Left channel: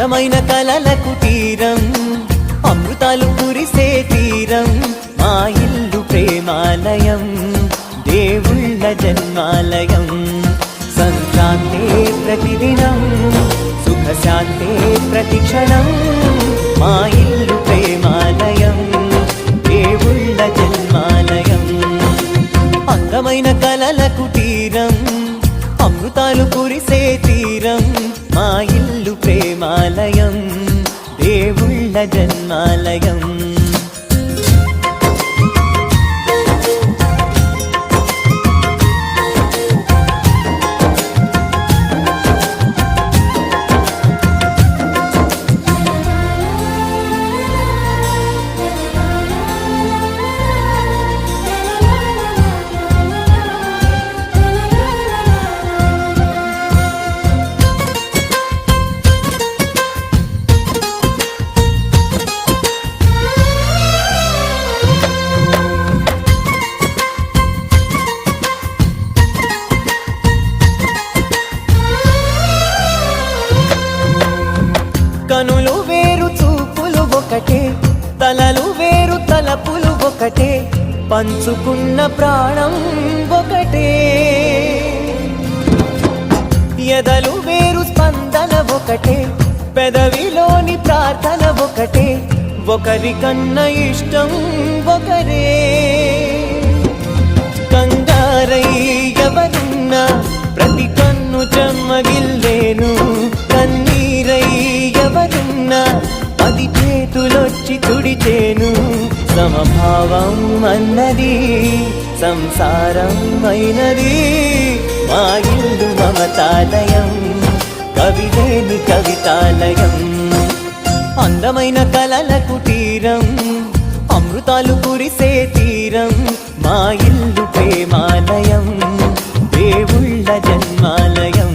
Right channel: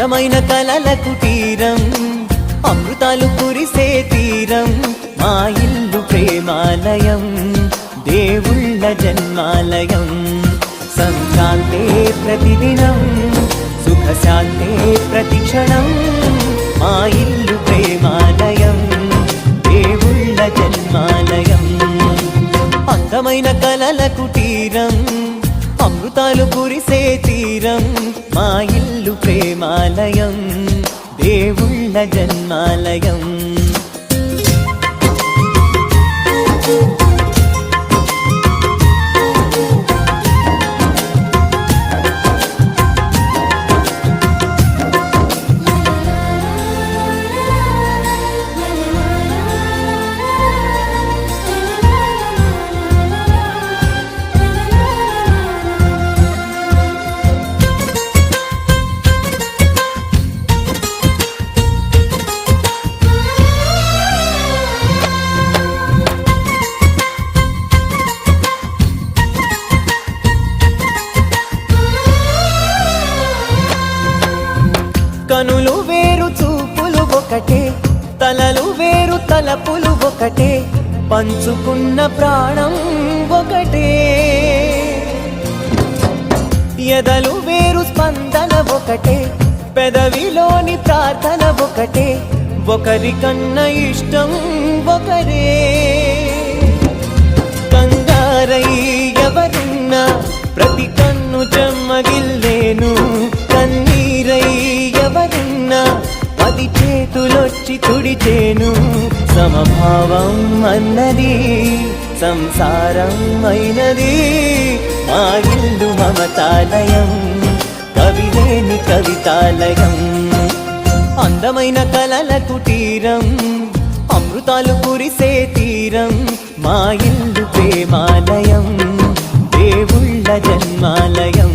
అందమైన కలల కుటీరం, అమృతాలు కురిసే తీరం, మా ఇల్లు ప్రేమాలయం, దేవుళ్ళ జన్మాలయం. సంక్రాంతే ప్రతిదినం, సుఖశాంతే ప్రతిక్షణం, మా ఇల్లు ప్రేమాలయం, దేవుళ్ళ జన్మాలయం. అందమైన కలల కుటీరం, అమృతాలు కురిసే తీరం, మా ఇల్లు ప్రేమాలయం, దేవుళ్ళ జన్మాలయం. కనులు వేరు చూపులు ఒకటే, తలలు వేరు తలపులు ఒకటే, పంచుకున్న ప్రాణం ఒకటే. ఎదలు వేరు స్పందన ఒకటే, పెదవిలోని ప్రార్థన ఒకటే, ఒకరికన్నా ఇష్టం ఒకరే. కంగారై ఎవరున్నా ప్రతి కన్ను చెమ్మగిల్లేను, కన్నీరై ఎవరున్నా 10 చేతులొచ్చి తుడిచేను. సమభావం అన్నది సంసారం అయినది, మా ఇల్లు మమతాలయం, కవిలేని కవితాలయం. అందమైన కలల కుటీరం, అమృతాలు కురిసే తీరం, మా ఇల్లు ప్రేమాలయం, దేవుళ్ళ జన్మాలయం.